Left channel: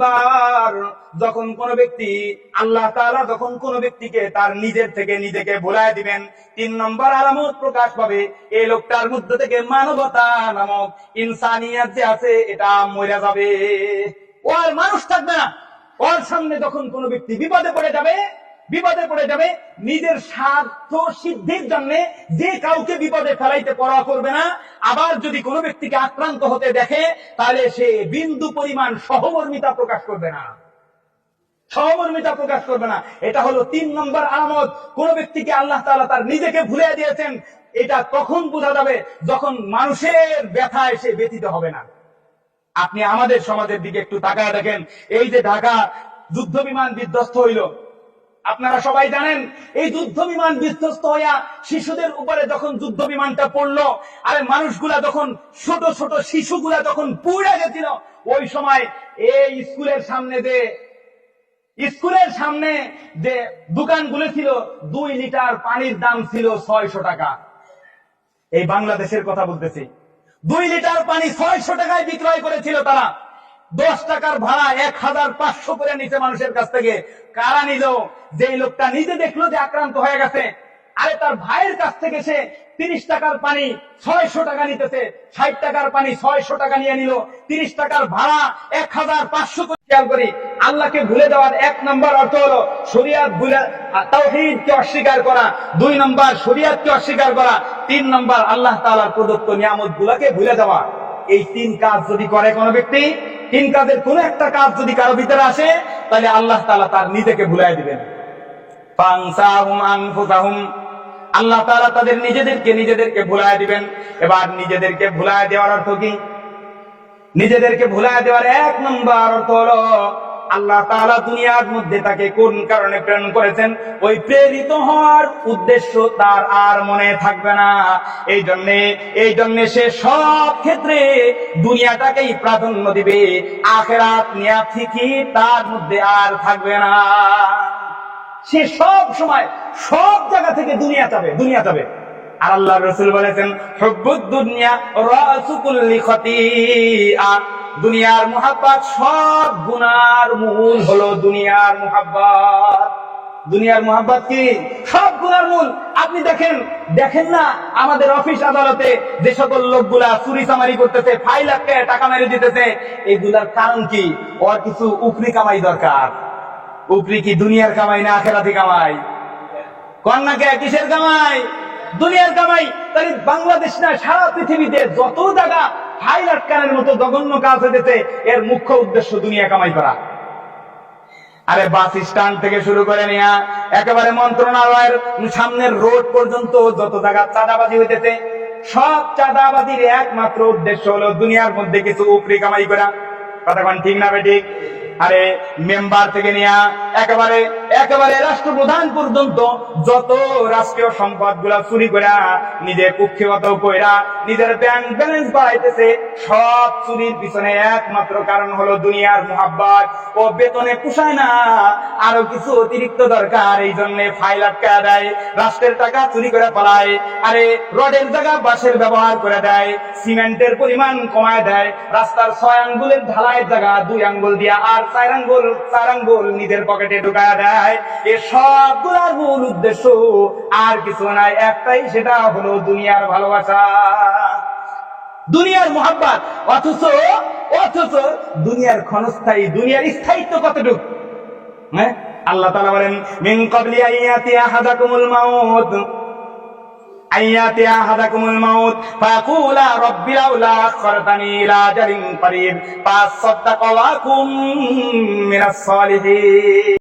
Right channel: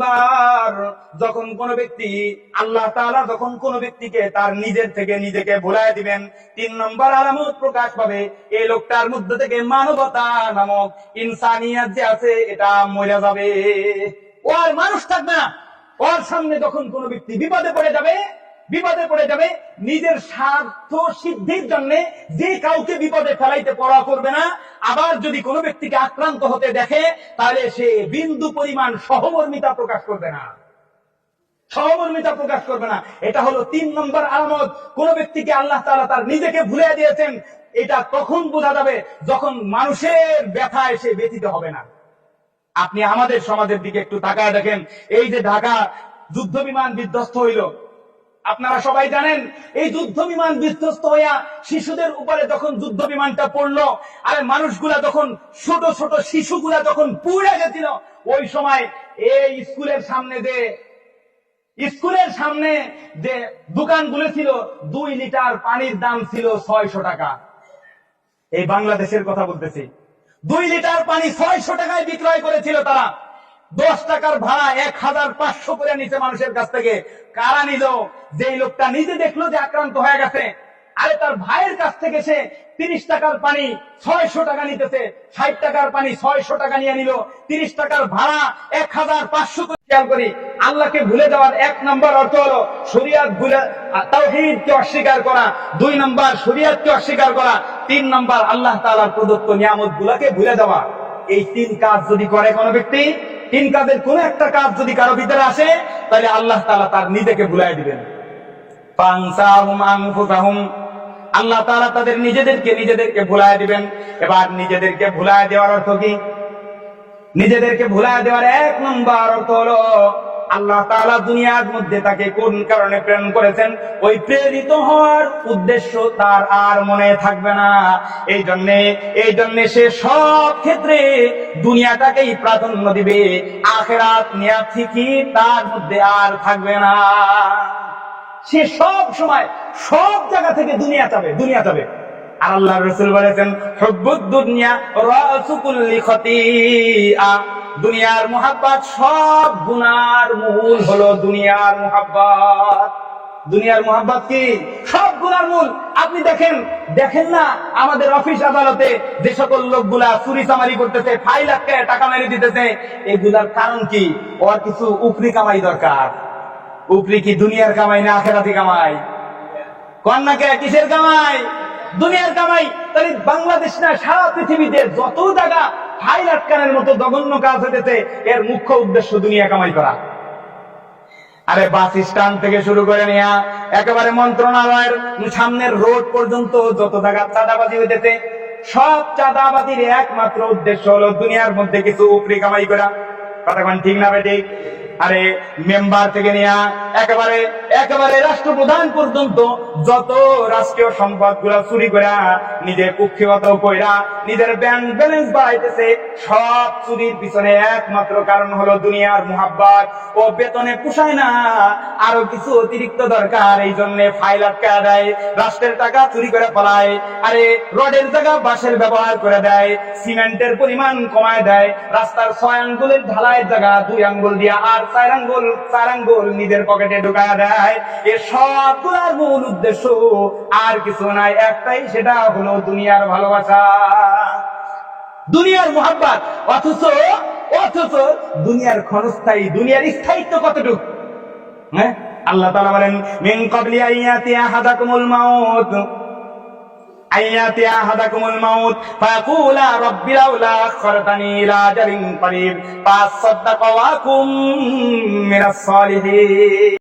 বার যখন কোন ব্যক্তি আল্লাহ তাআলা যখন কোন ব্যক্তিকে তার নিজের থেকে নিজেকে ভুলায় দিবেন, 3 নম্বর আলামত প্রকাশ পাবে এই লোকটার মধ্যে থেকে মানবতা নামক ইনসানিয়াত যে আছে এটা মরে যাবে। ও আর মানুষ থাকবে না। ওর সামনে যখন কোন ব্যক্তি বিপদে পড়ে যাবে নিজের স্বার্থ সিদ্ধির জন্য যে কাউকে বিপদে ফেলাইতে পড়া করবে না। আবার যদি কোনো ব্যক্তিকে আক্রান্ত হতে দেখে তাহলে সে বিন্দু পরিমাণ সহমর্মিতা প্রকাশ করবে না। এটা হলো 3 নম্বর আলামত। কোন ব্যক্তিকে আল্লাহ তাআলা তার নিজেকে ভুলে দিয়েছেন, এটা তখন বোঝা যাবে যখন মানুষের ব্যথায় সে ব্যথিত হবে না। আপনি আমাদের সমাজের দিকে একটু তাকায় দেখেন। এই যে ঢাকা যুদ্ধ বিমান বিধ্বস্ত হইল, আপনারা সবাই জানেন এই যুদ্ধ বিমান বিধ্বস্ত হইয়া শিশুদের উপরে যখন যুদ্ধ বিমানটা পড়লো, আরে মানুষগুলা যখন ছোট ছোট শিশুগুলা যখন পুড়ে গেছিল, ওই সময় এই স্কুলের সামনে যে দোকানগুলো ছিল 2 লিটার পানির দাম ছিল 600 টাকা। এই বাংলাদেশের কথা বলতেছি। 2 লিটার পানি 600 টাকায় বিক্রয় করেছিল তারা। 10 টাকার ভাড়া 1500 করে নিচে মানুষের কাছ থেকে। কারা নিল? যেই লোকটা নিজে দেখলো যে আক্রান্ত হয়ে গেছে, আরে তার ভাইয়ের কাছ থেকে সে 30 টাকার পানি 600 টাকা নিতেছে, 60 টাকার পানি 600 টাকা নিয়ে নিল, 30 টাকার ভাড়া 1500 করে। খেয়াল করি, আল্লাহকে ভুলে যাওয়ার 1 নম্বর অর্থ হলো শরিয়াত ভুলে, তাওহীদকে অস্বীকার করা। 2 নম্বর শরিয়াতকে অস্বীকার করা। 3 নম্বর আল্লাহ তাআলার প্রদত্ত নিয়ামতগুলোকে ভুলে যাওয়া। এই 3 কাজ যদি করে কোনো ব্যক্তি, 3 কাজের কোন একটা কাজ যদি কারো ভিতরে আসে, তাহলে আল্লাহ তাআলা তার নিজেকে ভুলায় দিবেন। ফানসাহুম আনফুসাহুম, আল্লাহ তাআলা তাদের নিজেদেরকে ভুলায় দিবেন। এবার নিজেদেরকে ভুলায় দেওয়ার অর্থ কি? নিজেদেরকে ভুলায় দেওয়ার 1 নম্বর অর্থ হলো আল্লাহ তাআলা দুনিয়ার মধ্যে তাকে কোন কারণে প্রেরণ করেছেন, ওই প্রেরিত হওয়ার উদ্দেশ্য তার আর মনে থাকবে না। এই জন্য সে সব ক্ষেত্রে দুনিয়াটাকেই প্রাধান্য দিবে, আখিরাত নিয়ে ফিকির তার মধ্যে আর থাকবে না। সে সব সময় সব জায়গা থেকে দুনিয়া চাবে। আর আল্লাহর রাসূল বলেছেন, হুব্বুদ দুনিয়া রাসু কুল্লি খতিআ, দুনিয়ার মুহাব্বত সব গুনার মূল হলো দুনিয়ার মুহাব্বত। দুনিয়ার মুহাব্বত কি? সব গুনার মূল। আপনি দেখেন না আমাদের অফিস আদালতে যে সকল লোকগুলা চুরি চামারি করতেছে, ফাইল আটকায় টাকা মেরে দিতেছে, এগুলার কারণ কি? ওর কিছু উপরি কামাই দরকার। উপরি কি দুনিয়ার কামাই না আখিরাতি কামাই? কন্যাকে কিসের কামাই? দুনিয়ার কামাই। তাই বাংলাদেশ না, সারা পৃথিবীতে যত জায়গা ফাইল আটকানোর মতো জঘন্য কাজ হইতেছে, এর মুখ্য উদ্দেশ্য দুনিয়া কামাই করা। আরে বাস স্ট্যান্ড থেকে শুরু করে নিয়ে একেবারে মন্ত্রণালয়ের সামনের রোড পর্যন্ত যত জায়গা চাঁদাবাজি হইতেছে, সব চাঁদাবাজির একমাত্র উদ্দেশ্য হলো দুনিয়ার মধ্যে কিছু উপরি কামাই করা। কথা কোন ঠিক না বেঠিক? আরে মেম্বার থেকে নিয়ে একেবারে রাষ্ট্রপ্রধান পর্যন্ত যত রাষ্ট্রীয় সম্পদ গুলা চুরি করা, নিজের কুক্ষিগত কইরা নিজের ব্যাংক ব্যালেন্স বাড়াইতেছে, সব চুরির পিছনে একমাত্র কারণ হলো দুনিয়ার মুহাব্বত। ও বেতনে পুষায় না, আরো কিছু অতিরিক্ত দরকার, এই জন্য ফাইল আটকায় দেয়, রাষ্ট্রের টাকা চুরি করে ফেলায়। আরে রডের জায়গা বাঁশের ব্যবহার করে দেয়, সিমেন্টের পরিমাণ কমায় দেয়, রাস্তার 6 আঙ্গুলের ঢালাইয়ের জায়গা 2 আঙ্গুল দিয়া আর 4 আঙ্গুল নিজের পকেটে ঢুকায়া দেয়। এ সবগুলার মূল উদ্দেশ্য আর কিছু নাই, একটাই, সেটা হলো দুনিয়ার ভালোবাসা, দুনিয়ার মুহাব্বত। অথচ দুনিয়ার ক্ষণস্থায়ী, দুনিয়ার স্থায়িত্ব কতটুকু? হ্যাঁ, আল্লাহ তাআলা বলেন, মিন ক্বাবলি আইয়াতি আহাদাকুমুল মাউত ফায়াকুলা রাব্বি লাউলা আখখারতানি ইলা আজালিন করিব ফাসাদ্দাকা ওয়া কুম মিনাস সালিহিন।